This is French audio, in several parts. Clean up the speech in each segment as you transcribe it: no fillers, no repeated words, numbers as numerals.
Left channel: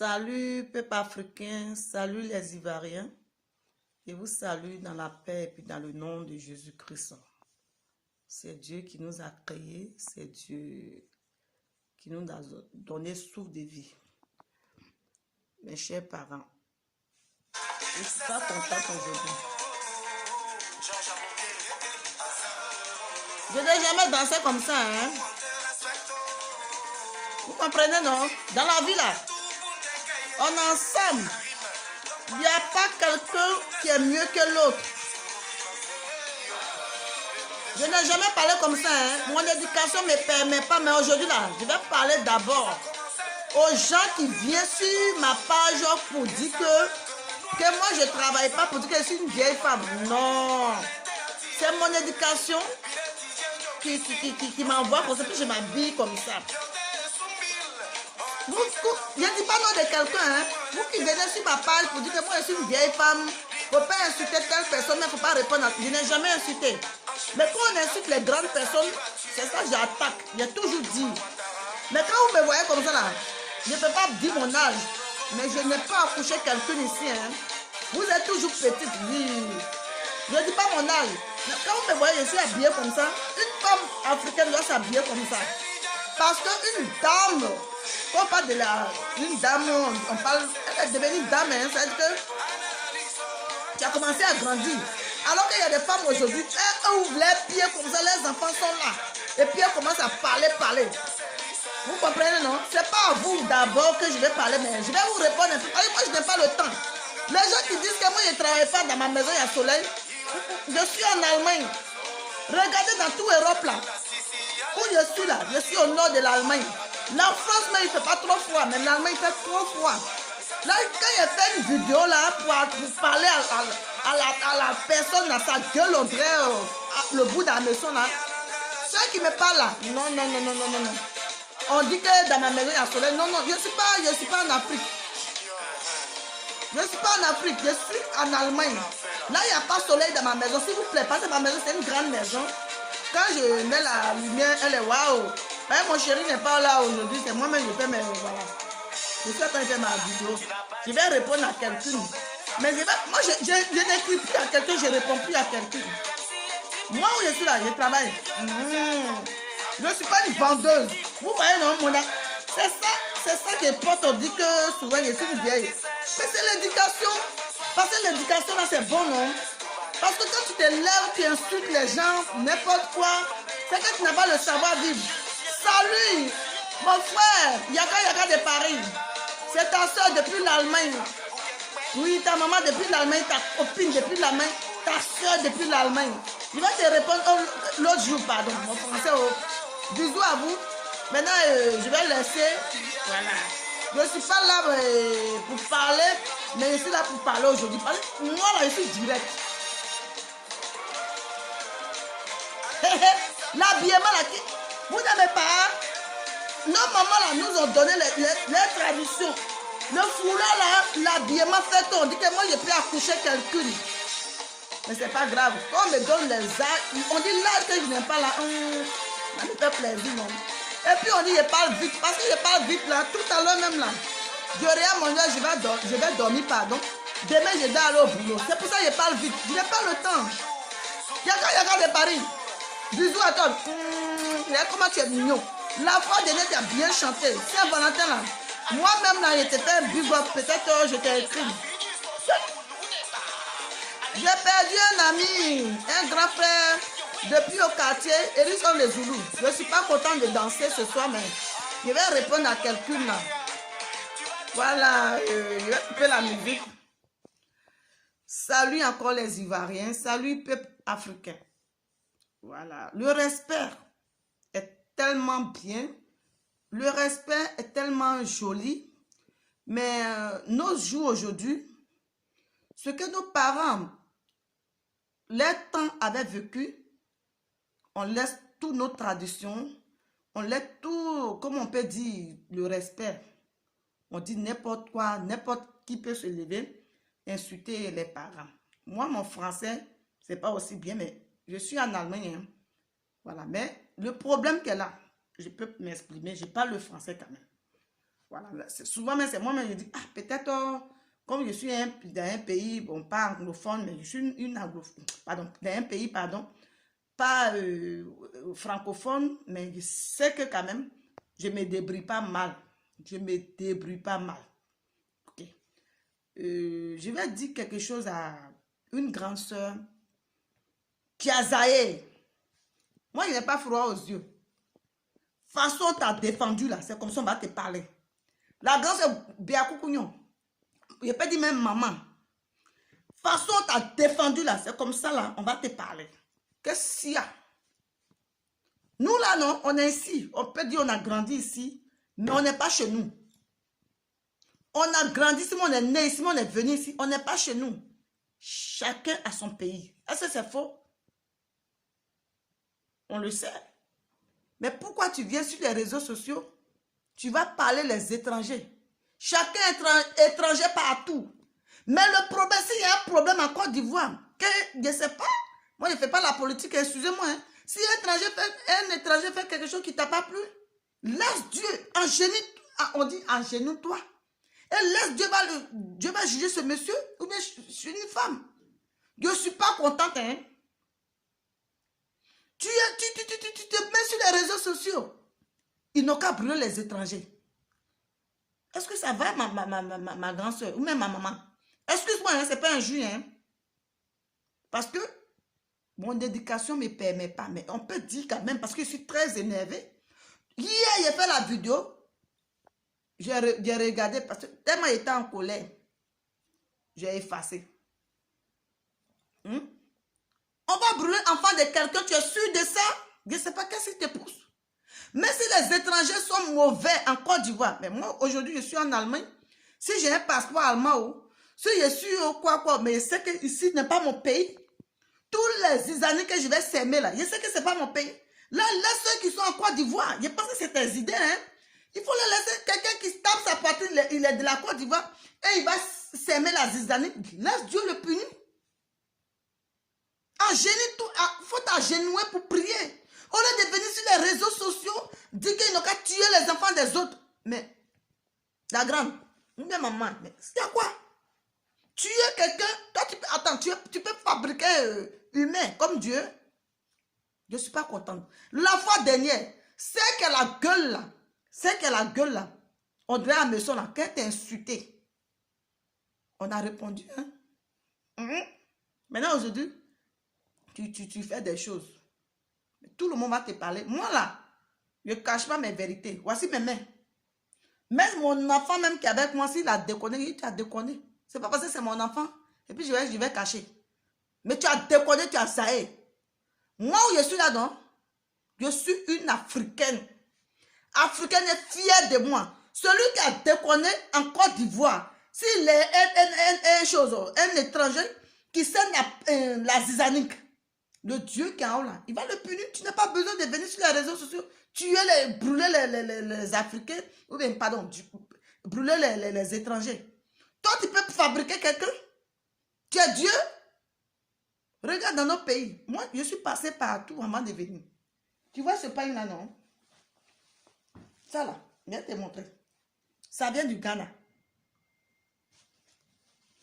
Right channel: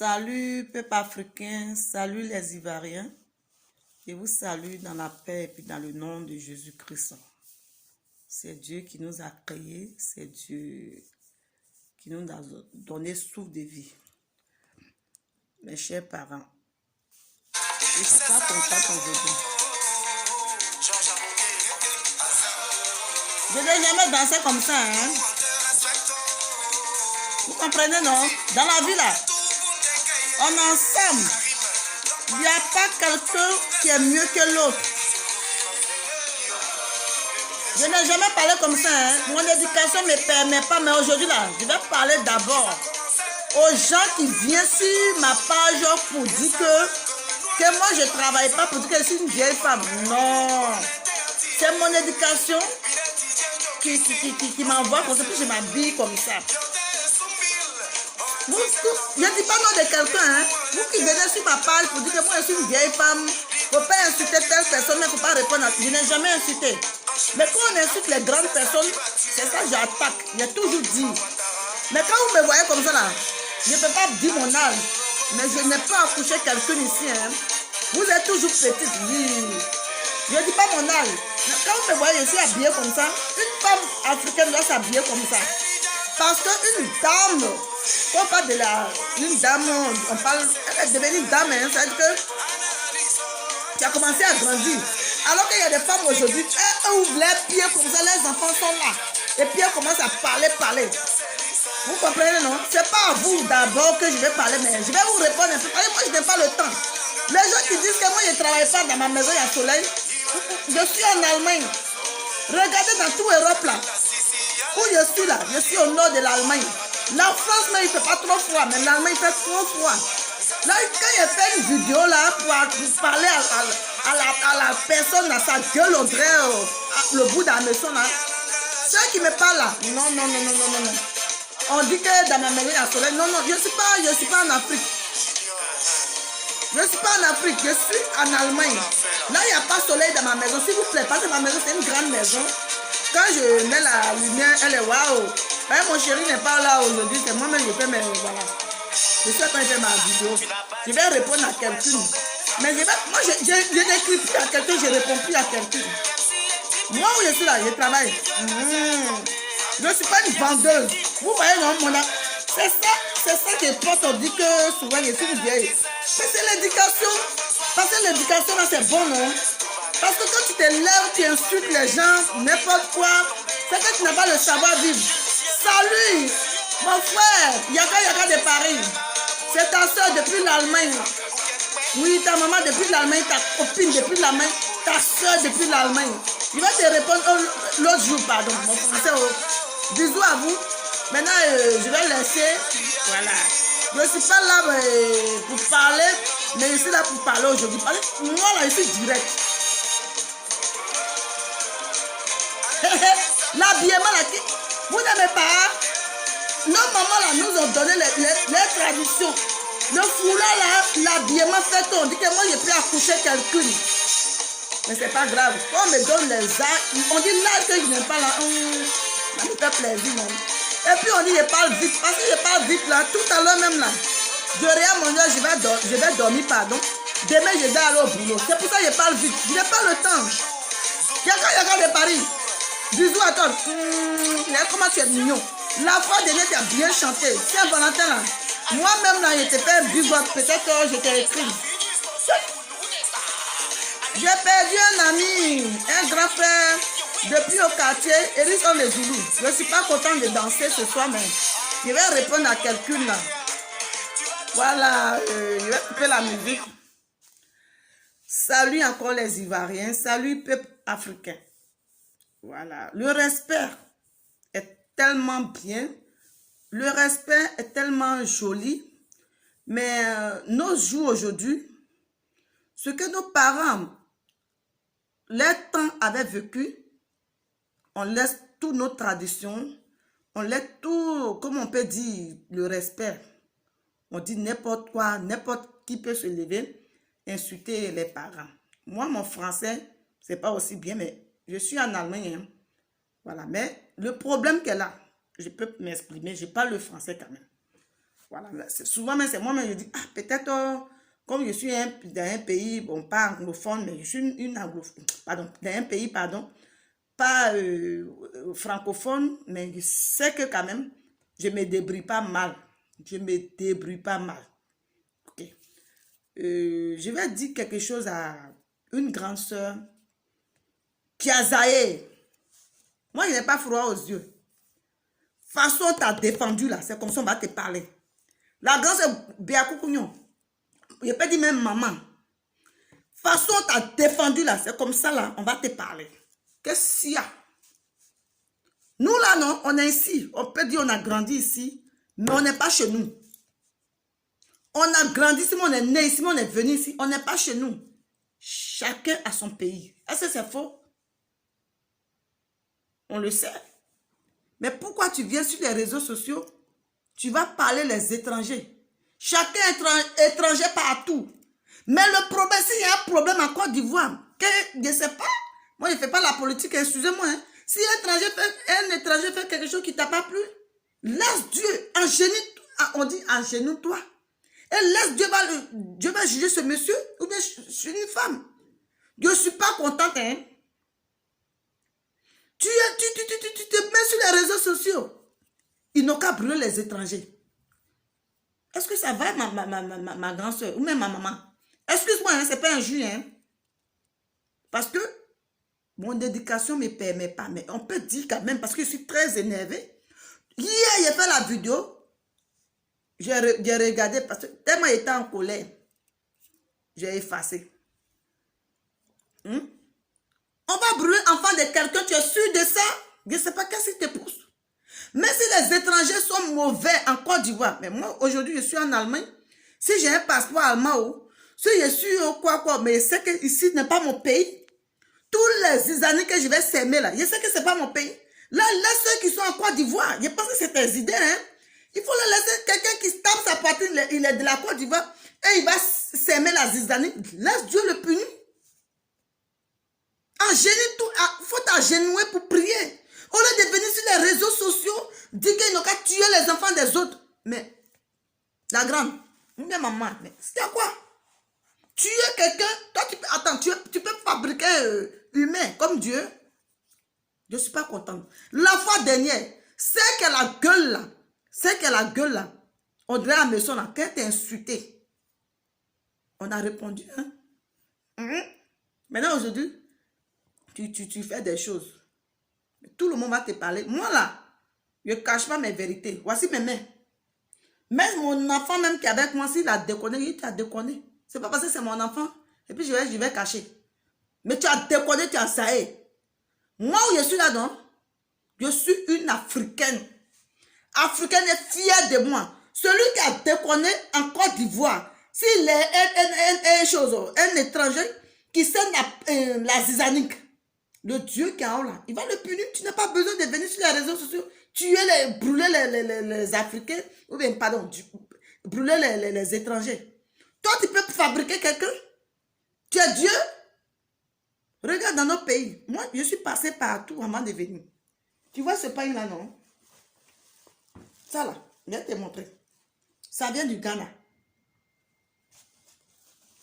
Salut peuple africain, salut les Ivoiriens. Je vous salue dans la paix et puis dans le nom de Jésus-Christ. C'est Dieu qui nous a créés, c'est Dieu qui nous a donné souffle de vie. Mes chers parents, je ne suis pas contente aujourd'hui. Je n'ai jamais dansé comme ça, hein? Vous comprenez, non? Dans la vie, là, on est ensemble. Il n'y a pas quelqu'un qui est mieux que l'autre. Je n'ai jamais parlé comme ça, hein? Mon éducation ne me permet pas, mais aujourd'hui, là, je vais parler d'abord aux gens qui viennent sur ma page pour dire que moi, je ne travaille pas, pour dire que je suis une vieille femme. Non. C'est mon éducation qui m'envoie comme ça, puis je m'habille comme ça. Je ne dis pas non de quelqu'un, hein. Vous qui venez sur ma page pour dire que moi je suis une vieille femme, il ne faut pas insulter telle personne, mais il ne faut pas répondre à tout. Je n'ai jamais insulté. Mais quand on insulte les grandes personnes, c'est ça que j'attaque. J'ai toujours dit. Mais quand vous me voyez comme ça là, je ne peux pas dire mon âge, mais je n'ai pas accouché quelqu'un ici, hein. Vous êtes toujours petite, oui. Je ne dis pas mon âge. Mais quand vous me voyez, je suis habillée comme ça. Une femme africaine doit s'habiller comme ça. Parce qu'une dame, quand on parle de une dame, on parle, elle est devenue une dame, hein, c'est-à-dire que tu as commencé à grandir. Alors qu'il y a des femmes aujourd'hui, elles ouvrent les pieds comme ça, les enfants sont là. Et puis elles commencent à parler. Vous comprenez, non? C'est pas à vous d'abord que je vais parler, mais je vais vous répondre un peu. Moi, je n'ai pas le temps. Les gens qui disent que moi, je ne travaille pas dans ma maison, il y a soleil. Je suis en Allemagne. Regardez dans toute l'Europe là. Où je suis là, je suis au nord de l'Allemagne. La France, il ne fait pas trop froid, mais l'Allemagne fait trop froid. Là, quand j'ai fait une vidéo là pour parler à la personne, à sa gueule, on dirait le bout de la maison là, ceux qui me parlent là, non. On dit que dans ma maison, il y a soleil. Non, je ne suis pas en Afrique. Je ne suis pas en Afrique, je suis en Allemagne. Là, il n'y a pas de soleil dans ma maison. S'il vous plaît, parce que ma maison, c'est une grande maison. Quand je mets la lumière, elle est waouh. Mon chéri n'est pas là aujourd'hui, c'est moi-même qui fais mes. Voilà. Je sais quand j'ai ma vidéo. Je vais répondre à quelqu'un. Mais moi, je n'écris plus à quelqu'un, je ne réponds plus à quelqu'un. Moi où je suis là, je travaille. Je ne suis pas une vendeuse. Vous voyez, non, c'est ça qui est porte. On dit que souvent, je suis une vieille. Mais c'est l'éducation. Parce que l'éducation, là, c'est bon, non? Parce que quand tu te lèves, tu insultes les gens, n'importe quoi, c'est que tu n'as pas le savoir-vivre. Salut, mon frère, Yaka de Paris. C'est ta soeur depuis l'Allemagne. Oui, ta maman depuis l'Allemagne, ta copine depuis l'Allemagne, ta soeur depuis l'Allemagne. Je vais te répondre l'autre jour, pardon, mon français. Bisous à vous. Maintenant, je vais laisser. Voilà. Je ne suis pas là pour parler, mais je suis là pour parler aujourd'hui. Moi, là, je suis direct. L'habillement là, vous n'avez pas. Nos mamans là nous ont donné les traditions. Le foulard là, l'habillement fait on dit que moi j'ai pu accoucher quelqu'un. Mais c'est pas grave. On me donne les arts. On dit là que je n'aime pas là. Ça me fait plaisir, non? Et puis on dit je parle vite. Parce que je parle vite là, tout à l'heure même là. Je regarde mon heure, je vais dormir, pardon. Demain je vais aller au boulot. C'est pour ça que je parle vite. Je n'ai pas le temps. Yaka de Paris. Bisous à toi. Comment tu es mignon. La fois dernière, tu as bien chanté. Saint-Valentin là. Moi-même là, je t'ai fait un big up. Peut-être que je t'ai écrit. J'ai perdu un ami, un grand frère. Depuis au quartier, Eris on les Zoulous. Je ne suis pas contente de danser ce soir, mais je vais répondre à quelqu'un là. Voilà, je vais couper la musique. Salut encore les Ivoiriens. Salut peuple africain. Voilà, le respect est tellement bien, le respect est tellement joli, mais nos jours aujourd'hui, ce que nos parents, les temps avaient vécu, on laisse toutes nos traditions, on laisse tout, comme on peut dire, le respect. On dit n'importe quoi, n'importe qui peut se lever, insulter les parents. Moi, mon français, c'est pas aussi bien, mais je suis en Allemagne, hein. Voilà, mais le problème qu'elle a, je peux m'exprimer, je parle le français quand même. Voilà. Souvent, mais c'est moi-même, je dis, ah, peut-être, comme je suis dans un pays, bon, pas anglophone, mais je suis une anglophone, pardon, dans un pays, pardon, pas francophone, mais je sais que quand même, je ne me débrouille pas mal. Je ne me débrouille pas mal. Ok. Je vais dire quelque chose à une grande sœur qui a zaé. Moi, je n'ai pas froid aux yeux. Façon, t'as défendu là, c'est comme ça on va te parler. La grande sœur Béakou Kougnon, je peux dire même maman. Façon, t'as défendu là, c'est comme ça là, on va te parler. Qu'est-ce qu'il y a? Nous là, non, on est ici. On peut dire on a grandi ici, mais on n'est pas chez nous. On a grandi ici, on est né ici, on est venu ici. On n'est pas chez nous. Chacun a son pays. Est-ce que c'est faux? On le sait. Mais pourquoi tu viens sur les réseaux sociaux? Tu vas parler les étrangers. Chacun est étranger partout. Mais le problème, s'il y a un problème en Côte d'Ivoire, je ne sais pas, moi je ne fais pas la politique, excusez-moi. Hein. Si un étranger fait quelque chose qui ne t'a pas plu, laisse Dieu, on dit engénoue-toi. Et laisse Dieu va juger ce monsieur ou bien une femme. Je ne suis pas contente. Hein. Tu te mets sur les réseaux sociaux. Ils n'ont qu'à brûler les étrangers. Est-ce que ça va, ma grande soeur ou même ma maman? Excuse-moi, hein, ce n'est pas un jus. Hein? Parce que mon éducation ne me permet pas. Mais on peut dire quand même, parce que je suis très énervée. Hier, j'ai fait la vidéo. J'ai regardé parce que tellement j'étais en colère. J'ai effacé. On va brûler l'enfant de quelqu'un, tu es sûr de ça? Je ne sais pas qu'est-ce qui te pousse. Mais si les étrangers sont mauvais en Côte d'Ivoire, mais moi aujourd'hui je suis en Allemagne, si j'ai un passeport allemand, si je suis quoi, mais je sais que ici n'est pas mon pays. Tous les années que je vais s'aimer là, je sais que ce n'est pas mon pays. Là, laisse ceux qui sont en Côte d'Ivoire. Je pense que c'est tes idées, hein. Il faut le laisser quelqu'un qui tape sa poitrine, il est de la Côte d'Ivoire, et il va s'aimer la zizanie. Laisse Dieu le punir. Il faut t'agenouiller pour prier. Au lieu de venir sur les réseaux sociaux, dire qu'ils n'ont qu'à tuer les enfants des autres. Mais, la grande, maman, mais c'est quoi? Tuer quelqu'un, toi, attends, tu peux fabriquer humain comme Dieu. Je ne suis pas contente. La fois dernière, c'est que la gueule là, on devait à la maison là, qu'elle t'a insulté. On a répondu, hein? Maintenant, aujourd'hui, tu fais des choses. Tout le monde va te parler. Moi là, je ne cache pas mes vérités. Voici mes mains. Même mon enfant même qui est avec moi, s'il a déconné, il t'a déconné. C'est pas parce que c'est mon enfant. Et puis je vais cacher. Mais tu as déconné, tu as saé. Moi où je suis là, non? Je suis une Africaine. Africaine est fière de moi. Celui qui a déconné en Côte d'Ivoire, s'il est un étranger qui sait la zizanique, le Dieu qui est en haut là, il va le punir. Tu n'as pas besoin de venir sur les réseaux sociaux, brûler les Africains, ou bien, pardon, brûler les étrangers. Toi, tu peux fabriquer quelqu'un. Tu es Dieu. Regarde dans notre pays. Moi, je suis passé partout avant de venir. Tu vois ce pain là, non? Ça là, je vais te montrer. Ça vient du Ghana.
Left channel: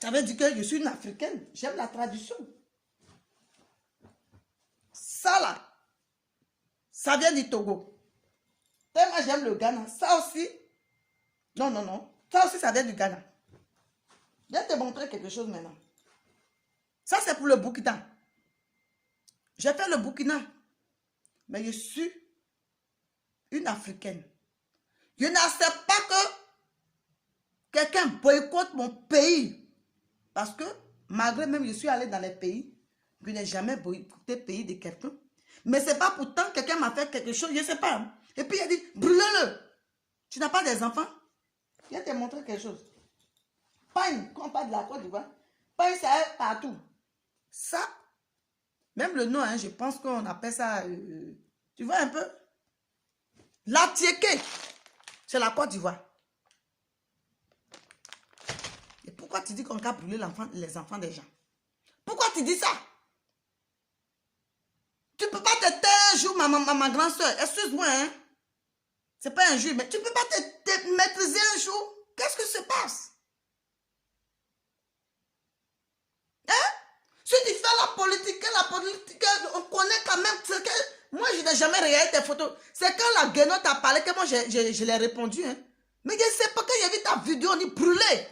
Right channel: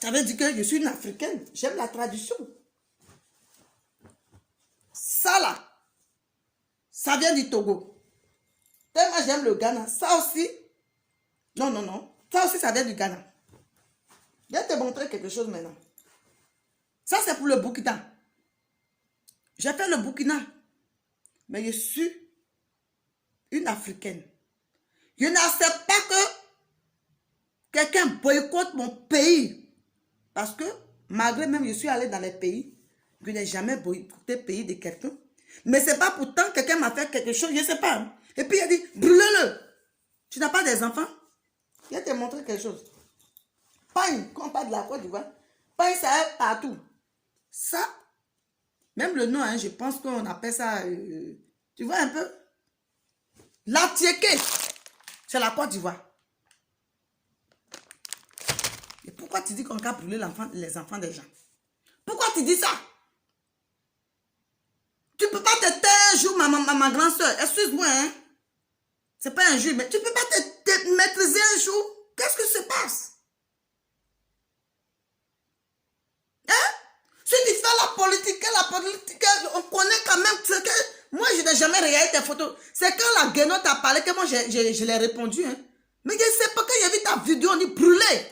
Ça veut dire que je suis une Africaine. J'aime la tradition. Ça là, ça vient du Togo. Tellement j'aime le Ghana. Ça aussi, non. Ça aussi, ça vient du Ghana. Je vais te montrer quelque chose maintenant. Ça, c'est pour le Burkina. J'ai fait le Burkina. Mais je suis une Africaine. Je n'accepte pas que quelqu'un boycotte mon pays. Parce que, malgré même je suis allée dans les pays, je n'ai jamais boycotté le pays de quelqu'un. Mais ce n'est pas pourtant que quelqu'un m'a fait quelque chose, je ne sais pas. Hein. Et puis il a dit, brûlez-le. Tu n'as pas des enfants? Je vais te montrer quelque chose. Pagne, quand on parle de la Côte d'Ivoire, pagne, ça est partout. Ça, même le nom, hein, je pense qu'on appelle ça, tu vois un peu? La tiéké, c'est la Côte d'Ivoire. Et pourquoi tu dis qu'on a brûlé les enfants des gens? Pourquoi tu dis ça? Tu ne peux pas te taire un jour, ma grande soeur. Excuse-moi, hein? C'est pas un jour, mais tu ne peux pas te maîtriser un jour. Qu'est-ce qui se passe? Hein? Si tu fais la politique, on connaît quand même ce que... Moi, je n'ai jamais regardé tes photos. C'est quand la Guénon t'a parlé que moi, je l'ai répondu. Hein. Mais je ne sais pas, quand j'ai vu ta vidéo, on est brûlé.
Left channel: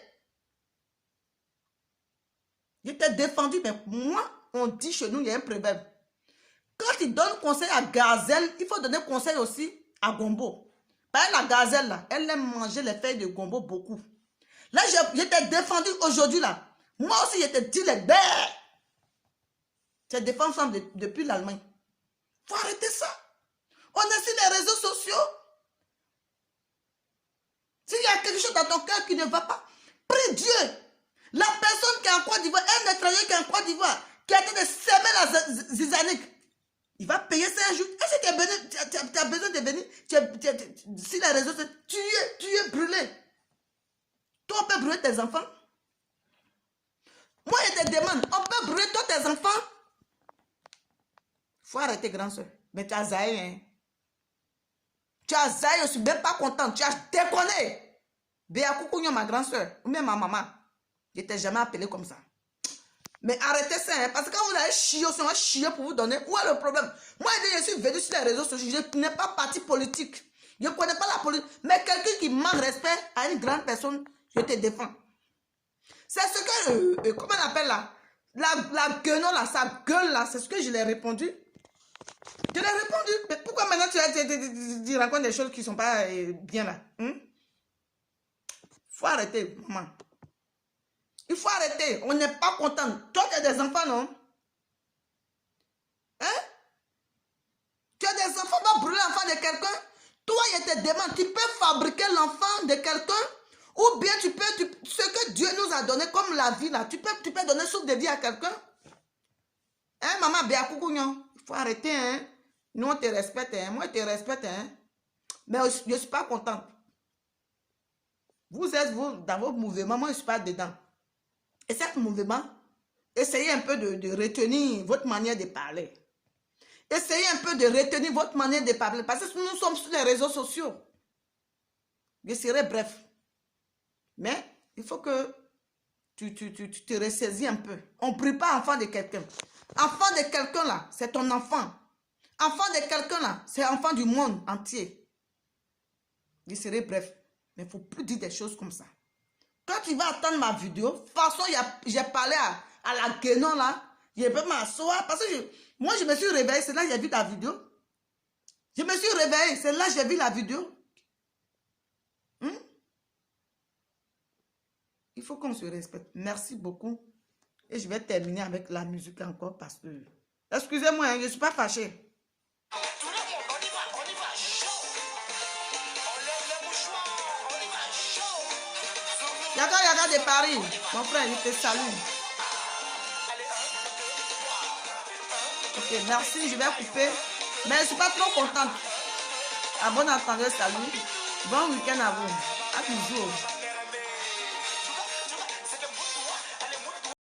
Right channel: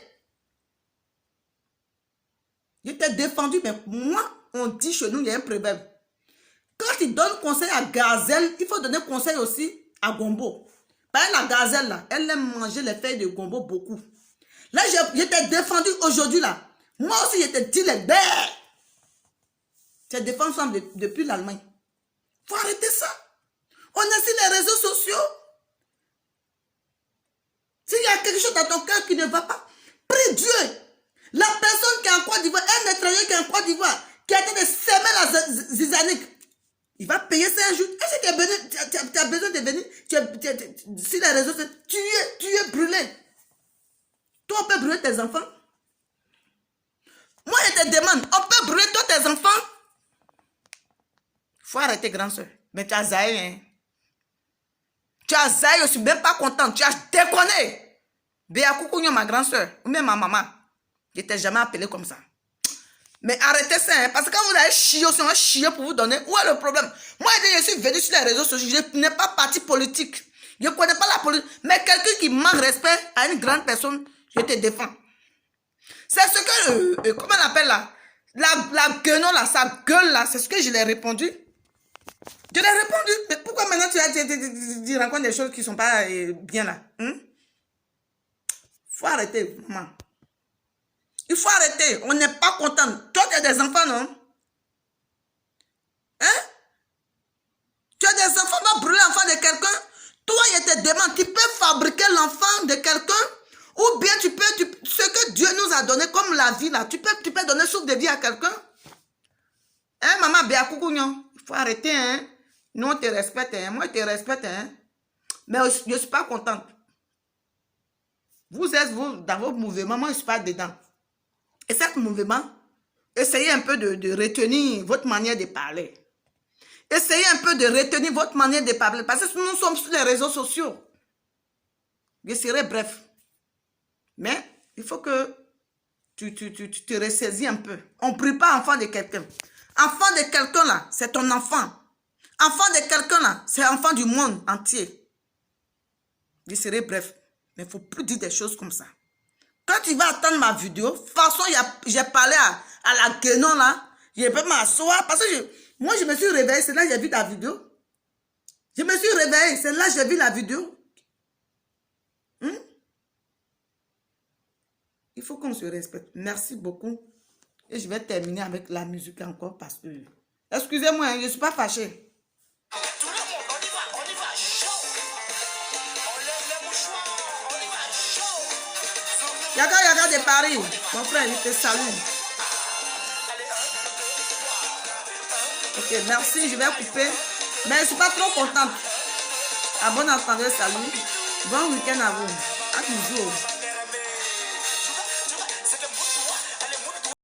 Je t'ai défendu, mais moi, on dit chez nous, il y a un problème. Quand tu donnes conseil à Gazelle, il faut donner conseil aussi à Gombo. Par exemple, la Gazelle, là, elle aime manger les feuilles de Gombo beaucoup. Là, je t'ai défendu aujourd'hui, là. Moi aussi, je t'ai dit les bêtes. Je défends ensemble depuis l'Allemagne. Il faut arrêter ça. On est sur les réseaux sociaux. S'il y a quelque chose dans ton cœur qui ne va pas, prie Dieu. La personne qui est en Côte d'Ivoire, un étranger qui est en Côte d'Ivoire, qui a été de semer la zizanique, il va payer ça un jour. Est-ce que tu as besoin de venir sur les réseaux sociaux? Tu es brûlé. Toi, on peut brûler tes enfants. Moi, je te demande, on peut brûler toi tes enfants? Il faut arrêter, grand soeur. Mais tu as zaï, hein? Tu as zaï, je ne suis même pas contente. Tu as déconné. Béa Koukouignon, ma grand soeur, ou même ma maman. Je ne t'ai jamais appelé comme ça. Mais arrêtez ça, hein, parce que quand vous allez chier, on va chier pour vous donner. Où est le problème? Moi, je suis venu sur les réseaux sociaux, je n'ai pas parti politique. Je ne connais pas la politique. Mais quelqu'un qui manque respect à une grande personne, je te défends. C'est ce que, comment on appelle là? La gueule là, sa gueule là, c'est ce que je lui ai répondu. Je lui ai répondu. Mais pourquoi maintenant tu racontes des choses qui ne sont pas bien là? Faut arrêter, maman. Il faut arrêter. On n'est pas content. Toi, tu as des enfants, non? Hein? Tu as des enfants, va brûler l'enfant de quelqu'un. Toi, je te demande, tu peux fabriquer l'enfant de quelqu'un ou bien tu peux, ce que Dieu nous a donné comme la vie, là, tu peux donner souffle de vie à quelqu'un? Hein, maman, Béa Koukouignon? Il faut arrêter, hein? Nous, on te respecte, hein? Moi, je te respecte, hein? Mais je ne suis pas contente. Vous êtes, vous, dans vos mouvements, moi, je ne suis pas dedans. Et cet mouvement, essayez un peu de retenir votre manière de parler. Essayez un peu de retenir votre manière de parler. Parce que nous sommes sur les réseaux sociaux. Je serai bref. Mais il faut que tu te ressaisis un peu. On ne prie pas enfant de quelqu'un. Enfant de quelqu'un là, c'est ton enfant. Enfant de quelqu'un là, c'est enfant du monde entier. Je serai bref. Mais il ne faut plus dire des choses comme ça. Quand tu vas attendre ma vidéo, de toute façon, j'ai parlé à la Guénon là, je peux m'asseoir parce que moi je me suis réveillée, c'est là que j'ai vu ta vidéo. Je me suis réveillée, c'est là que j'ai vu la vidéo. Il faut qu'on se respecte. Merci beaucoup. Et je vais terminer avec la musique encore parce que... Excusez-moi, hein, je ne suis pas fâchée. Yaga de Paris, mon frère, il te salue. Ok, merci, je vais couper. Mais je ne suis pas trop contente. À bon entendeur, salut. Bon week-end à vous. À toujours.